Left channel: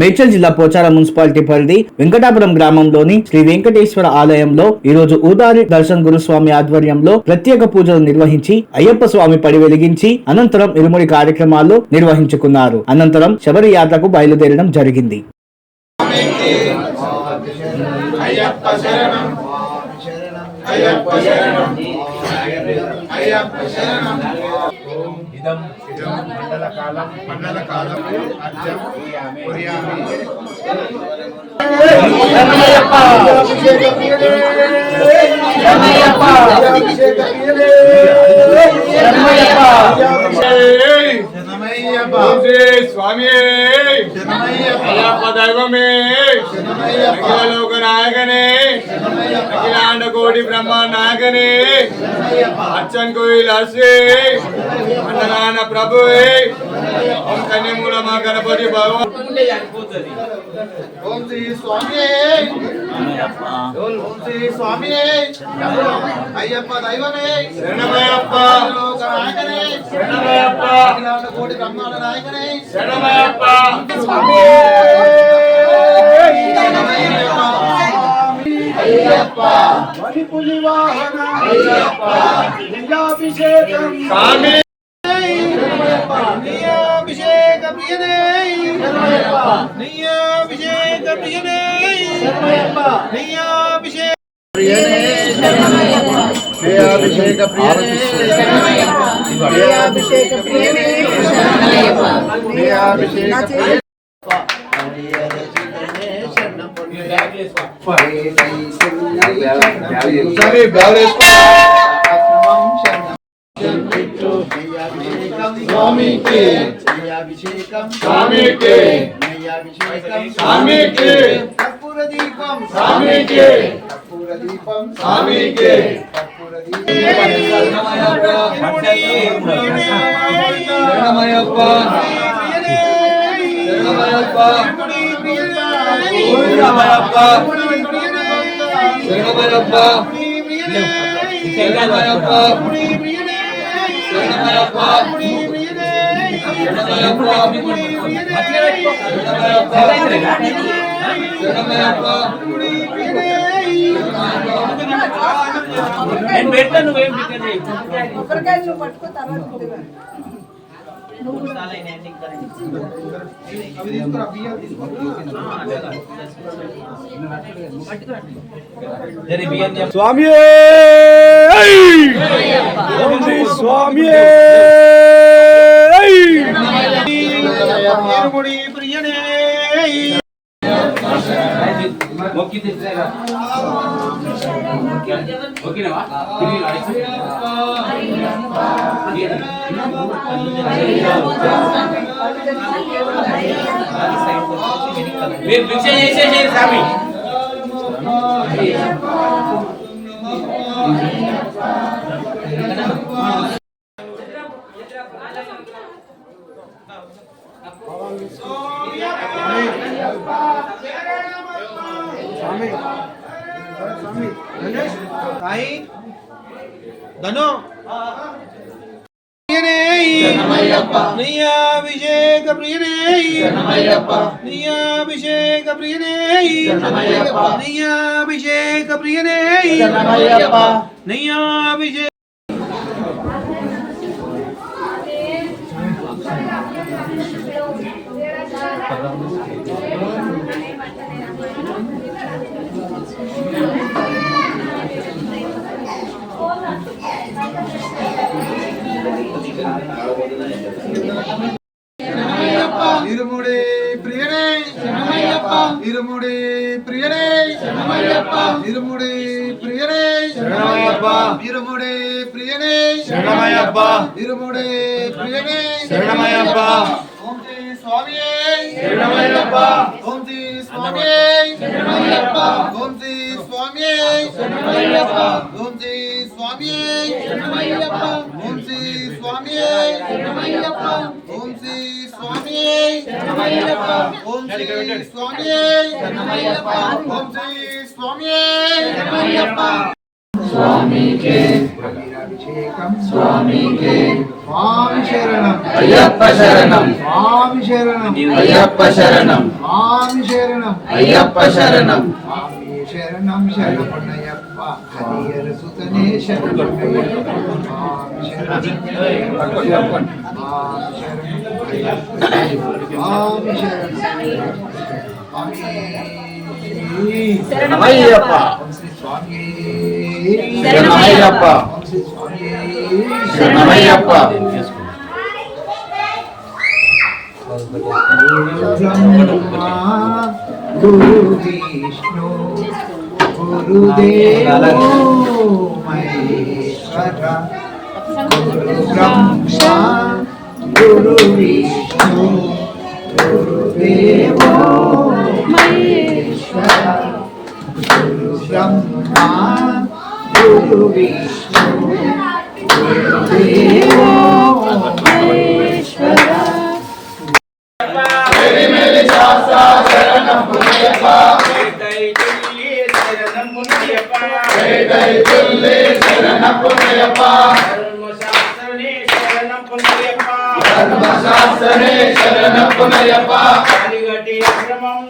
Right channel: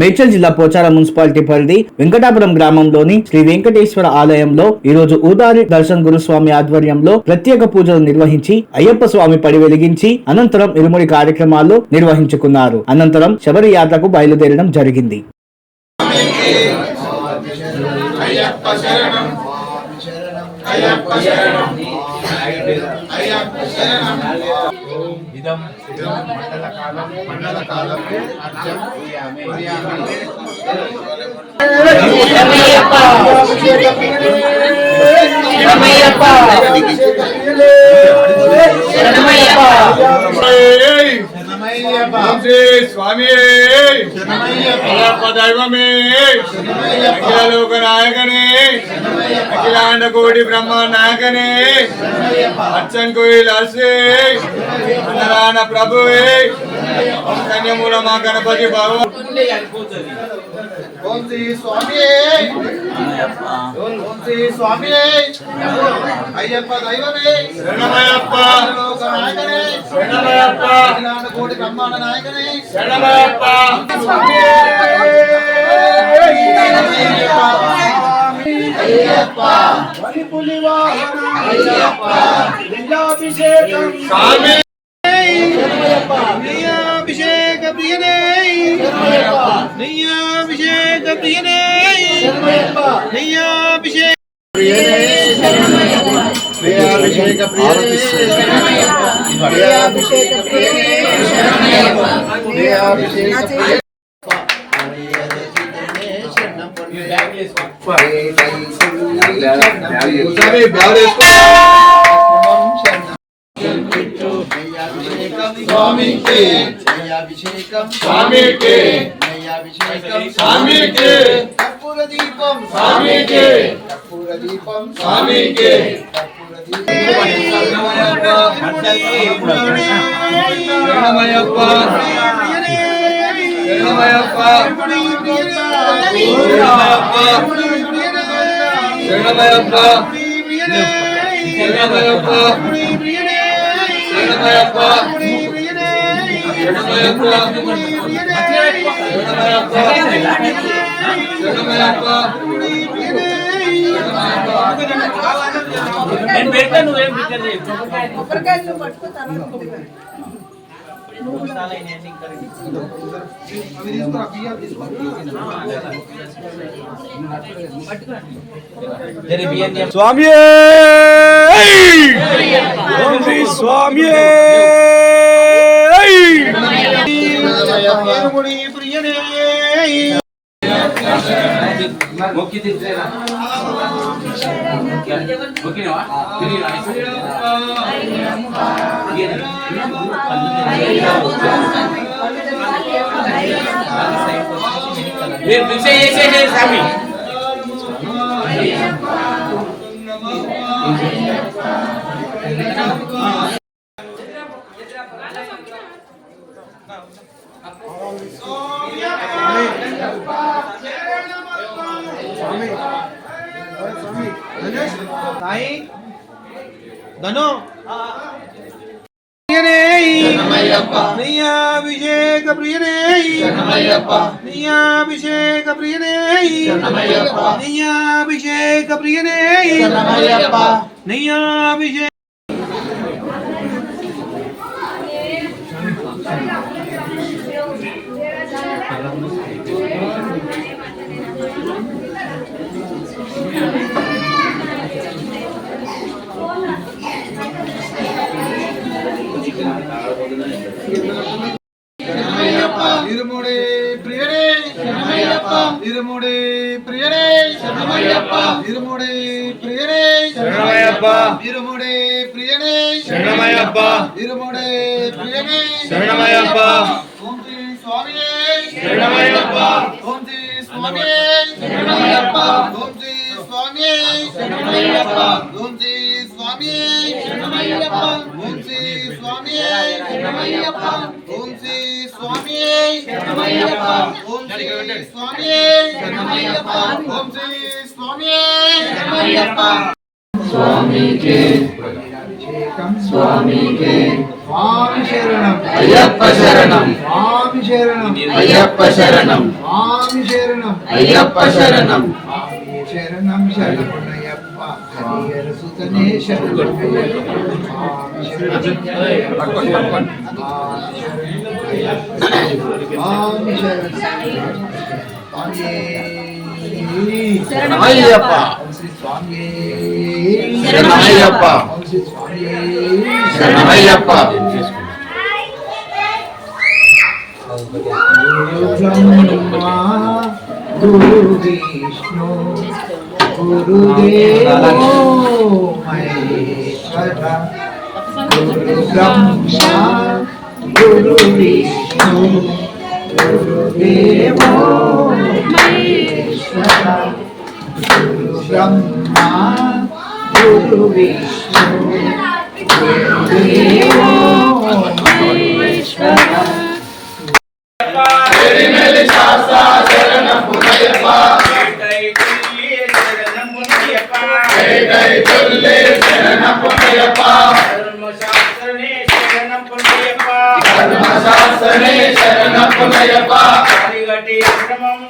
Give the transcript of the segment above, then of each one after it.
మేడ్చల్ జిల్లా పోచారం మున్సిపాలిటీ పరిధి వెంకటాపురం గ్రామంలోని శ్రీ వెంకటేశ్వర ఆలయంలో ఈ రోజు ఊదారి దర్శన్ గురుస్వామి ఆధ్వర్యంలో ప్రత్యేక పూజలు నిర్వహించి అయ్యప్ప స్వామి పడి వెలిగించి అనంతరం ఇరుముడి కార్యక్రమాలు నిర్వహించుకున్నారు. అనంతరం శబరి యాత్రకు బయలుదేరడం జరిగింది. ఇదం మండల కాలం మండల కాలం అర్జం కురియామి. స్వామి అయ్యప్ప దైవమే. అఖిలలోక నాయకనే. అఖిలాండ కోటి బ్రహ్మ నాయకనే. అచ్చన్ కోయిల్ అసే అన్నదాన ప్రభువే. ఓం కన్యమూల మా గణపతి బాబు ఓం శ్రీ స్వామి ఓం శ్రీ స్వామి అయ్యప్ప దైవమే శరణమయ్యప్ప లోక నాయకనే శరణమయ్యప్ప అఖిలాండ కోటి బ్రహ్మాండ నాయకనే శరణమయ్యప్ప అయ్యప్ప వలిపులి వాహన అయ్యప్ప లింగాభిషేకం స్వామి நெய்யாபிஷேக பிரியனே நெய்யாபிஷேக பிரியனே நெய்யாபிஷேக பிரியாபிஷேக பிரியாபிஷேக பிரியாபிஷேக பிரியாபிஷேக స్వామికి అభిషేకం స్వామికి అభిషేకం స్వామికి కర్పూర దీపం స్వామికి కర్పూర దీపం స్వామికి కర్పూర దీపం శరణమయప్ప శరణమయప్ప శరణమయప్ప శరణమయప్ప నేను పెట్టాను నువ్వేం పెట్టలేదు స్వామి స్వామి మొక్కి తీర్చేరా మొక్కినవా మీరు భిక్ష చేసేసేది స్వామి స్వామి ధను ప్రియనే ప్రియాభిషేక ప్రియనే ప్రియాభిషేక ప్రియనే ప్రియాభిషేక ప్రియనే ప్రియాభిషేక ప్రియనే శరణమయ్యప్ప. ఓం శ్రీ స్వామియే. శరణమయ్యప్ప. ఓం శ్రీ స్వామియే. శరణమయ్యప్ప. ఓం శ్రీ స్వామియే. శరణమయ్యప్ప. ఓం శ్రీ స్వామియే. శరణమయ్యప్ప. ఓం శ్రీ స్వామియే. శరణమయ్యప్ప. ఓం శ్రీ స్వామియే. శరణమయ్యప్ప. ఓం శ్రీ స్వామియే. శరణమయ్యప్ప. ఓం శ్రీ స్వామియే. శరణమయ్యప్ప. స్వామి శరణం. అయ్యప్ప శరణం. స్వామి శరణం. అయ్యప్ప శరణం. స్వామి శరణం. అయ్యప్ప శరణం. శరణం శరణయ్యప్ప హరిహర సుతనే శరణం. స్వామి శరణం. అయ్యప్ప స్వామి శరణమయ్యప్ప. శ్రీ ব্রহ্মা গুরু বিষ্ণু গুরুদেব মহেশ্বরা গুরু ব্রহ্মা গুরু বিষ্ণু গুরুদেব মহেশ্বরা গুরু ব্রহ্মা গুরু বিষ্ণু গুরুদেব মহেশ্বরা பொன்னையப்பா தர்மசாஸ்திரனே சரணம் பொன்னையப்பா தர்மசாஸ்திரனே சரணம் பொன்னையப்பா கலிகட்டி ஆசிரமம்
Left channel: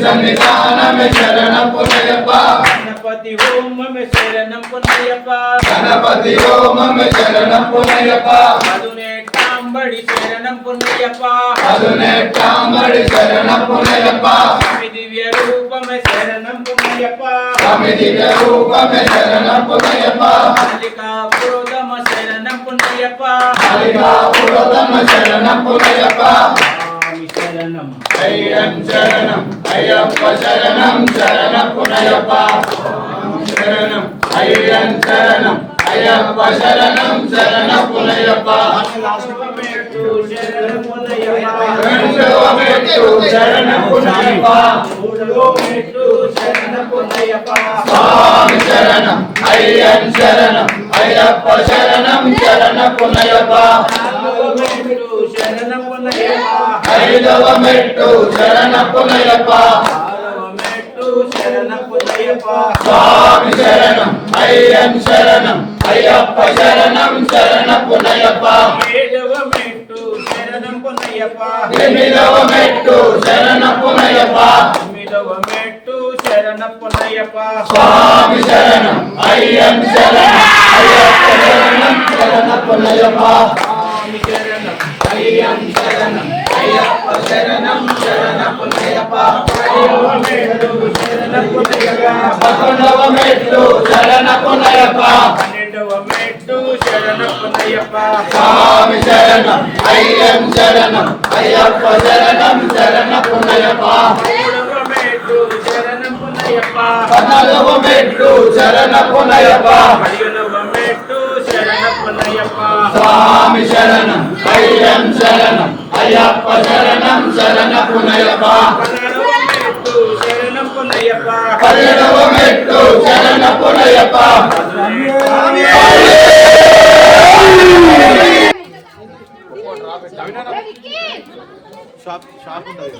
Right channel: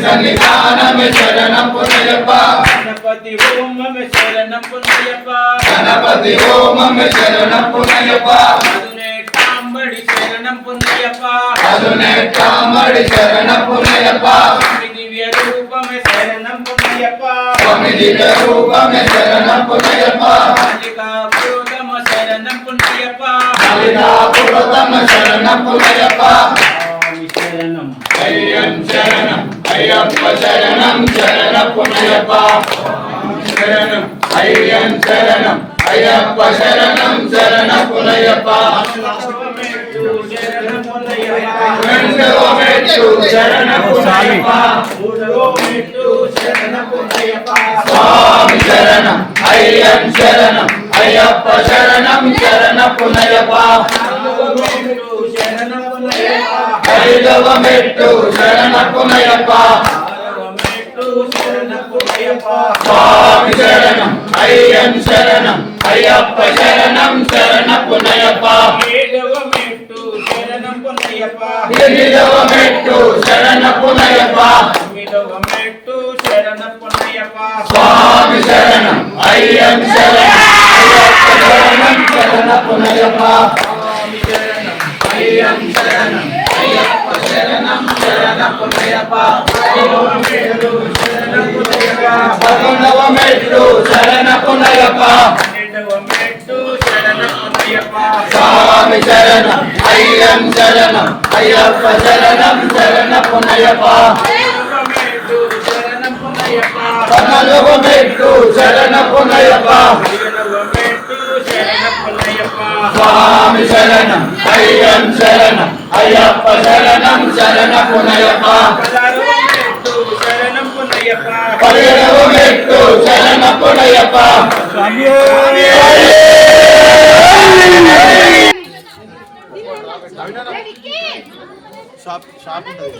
స్వామి సన్నిధానమే శరణపునయప్ప గణపతి ఓమమే శరణం పుణ్యప్ప గణపతి ఓమమే శరణపునయప్ప మధునేటాంబడి శరణం పుణ్యప్ప అదునే కామడి శరణపునయప్ప స్వామి దివ్య రూపమే శరణం పుణ్యప్ప స్వామి దివ్య రూపమే శరణపునయప్ప కాళికా క్రోధమ శరణం పుణ్యప్ప కలిగా పురతమ శరణపునయప్ప స్వామి శరణం అయ్యం శరణం అయ్యప్ప శరణం శరణపునయప్ప శరణం అయ్యం శరణం అయ్యప్ప శరణం శరణపునయప్ప శివమేటు రెండవ మెట్టు శరణపునయప్ప మూడవ మెట్టు స్వామి శరణం అయ్యం శరణం అయ్యప్ప శరణం శరణపునయప్ప నాలుగవ మెట్టు శరణం ఐదవ మెట్టు శరణపునయప్ప ఆరవ మెట్టు శరణం పుణ్యప్ప స్వామి శరణం అయ్యం శరణం అయ్యప్ప శరణం శరణపునయప్ప ఏడవ మెట్టు శరణం పుణ్యప్ప ఎనిమిదవ మెట్టు శరణపునయప్ప తొమ్మిదవ మెట్టు శరణం పుణ్యప్ప స్వామి శరణం అయ్యం శరణం అయ్యప్ప శరణం శరణపునయప్ప స్వామి శరణం అయ్యం శరణం అయ్యప్ప శరణం శరణపునయప్ప ఐదవ మెట్టు శరణం పుణ్యప్ప పన్నెండవ స్వామి శరణం అయ్యం శరణం అయ్యప్ప శరణం శరణపునయప్ప పదిహేడవ మెట్టు శరణం చరణ పద్నాలుగు స్వామి శరణం. అయ్యం శరణం. అయ్యప్ప శరణం పదహారవ మెట్టు శరణం పుణ్యప్ప పదిహేడవ మెట్టు శరణపునయప్ప షాప్ షాప్ ఉంటుంది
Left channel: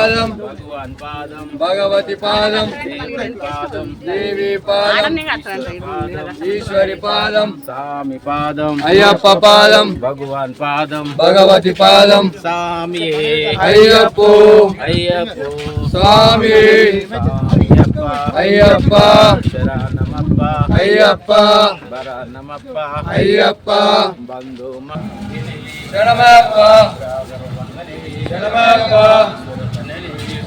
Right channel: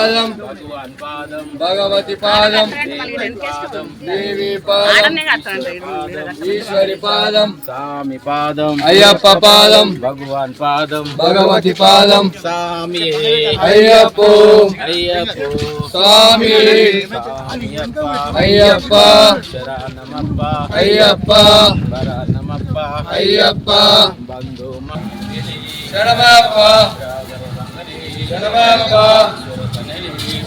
పాదం. భగవాన్ పాదం. భగవతి పాదం. దేవి పాదం. దేవి పాదం. ఈశ్వరి పాదం. స్వామి పాదం. అయ్యప్ప పాదం. భగవాన్ పాదం. భగవతి పాదం. స్వామి. అయ్యప్పో. అయ్యప్పో. స్వామి. అయ్యప్ప. శరణమప్ప అయ్యప్ప. అయ్యప్ప. బంధు శరణమప్ప. శరణమప్ప.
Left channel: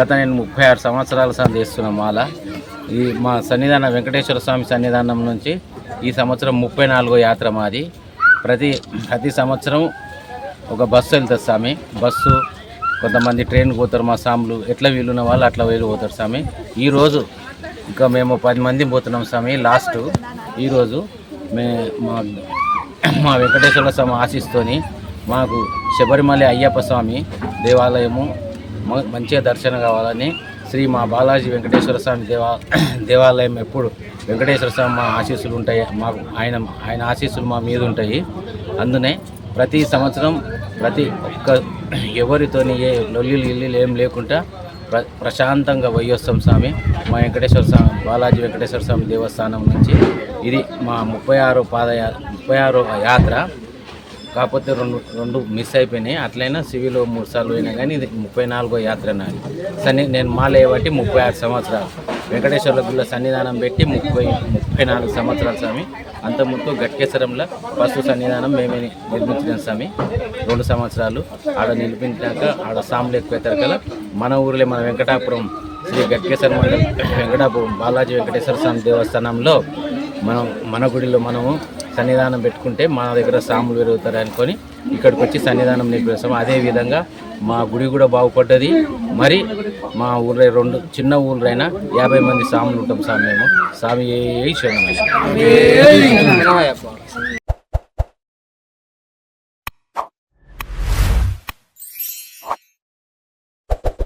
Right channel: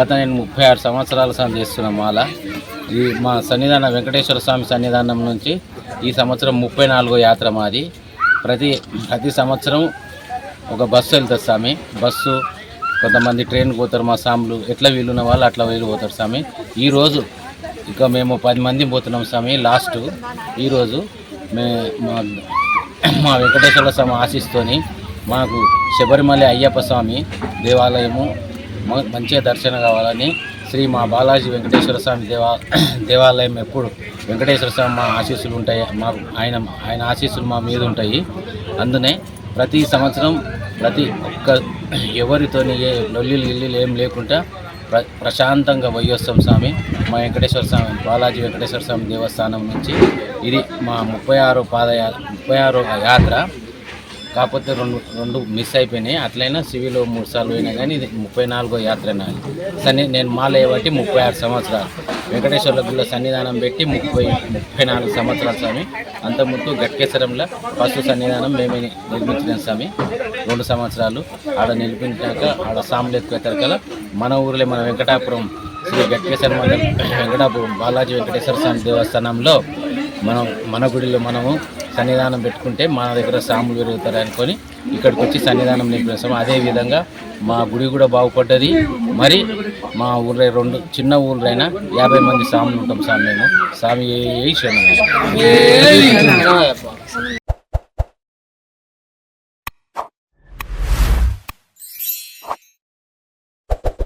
గత నేను ముప్పై ఆరు సంవత్సరాల సార్ చేస్తున్న మాల. ఈ మా సన్నిధానం వెంకటేశ్వర స్వామి సన్నిధానం నుంచి ఈ సంవత్సరం ముప్పై నాలుగో యాత్ర మాది. ప్రతి ప్రతి సంవత్సరం ఒక బస్సు వెళ్తుంది స్వామి. బస్సు కొంతమంది ట్రైన్ పోతారు మా సాములు. ఎట్లా వీలున్న వాళ్ళు అట్లా వీలు పోతారు స్వామి. ఈరోజు ఇంకా మేము పది మంది పోతున్నాం స్వామి లాస్ట్. ఈరోజు మే మా మా వెంకటేశ్వర స్వామి ఆశిస్తోని మాకు శబరిమల అయ్యప్ప స్వామి దేవాలయము మంచిగా దర్శనం కావాలని శ్రీ మా బాలాజీ వెంకటేశ్వర స్వామి దేవా దేవాలయం ఎప్పుడు వెంకటేశ్వర స్వామి మా ఆశీస్సులు ఉంటాయి మాకు ఆయన ఆయన ఆశీస్సులు మా మీద ఉంటాయి. అందునే ప్రతి సంవత్సరం ప్రతి ఒక్క ఎవరితోని ఏ లొల్లిలు గిల్లీలు ఏం లేకుండా ప్ర ప్రశాంతంగా పోయొస్తాం స్వామి. మా వెంకటేశ్వర స్వామి బాలాజీ వెంకటేశ్వర స్వామి దేవస్థానం నుంచి ఇది మా ముప్పై ఆరో పాదయా ముప్పై ఆరో యాత్ర. కాకపోతే రెండు రెండు మిస్ అయిపోయినాయి. అట్లయినా సివిల్ మూడు సార్లు పోయినా కానీ ఇది ముప్పై నాలుగో యాత్ర నాది సన్ని నేను మాలయ్య బట్టి ముప్పై ఆరు సంవత్సరాలు. వెంకటేశ్వర్ల గుళ్ళ సన్నిధానం పెట్టి ముప్పై ముప్పై నాలుగు సంవత్సరాలు స్వామి. అంతకుముందు గట్కేశ్వరంలో ఫస్ట్ సన్నిధానం మేమే నిర్మించిన స్వామి. రెండు సంవత్సరాలు ఆడ నిలిపించాక ఆడ సాములు ఎక్కువ కదా. మన ఊర్లో మన వెంకటాపురం శ్రీ గట్కేశ్వర మండలం వెంకటాపురం బాలాజీ వెంకటేశ్వర స్వామి దేవస్థానంలో మనం మన గుడిలో మనము సన్నిధానం పెట్టుకుంటే మన దగ్గర సాములు పెరుగుతారు అనుకొని ఇక్కడికి వచ్చి సన్నిధానం నిలిపేస్తాం అదే విధంగా మా గుడి కూడా బాగుపడ్డది. మరి మా ఊళ్ళో రెండు చిన్న ఊళ్ళైనా యాభై మంది సాములు ఉంటాం స్వామి మేము. స్వామి ఏ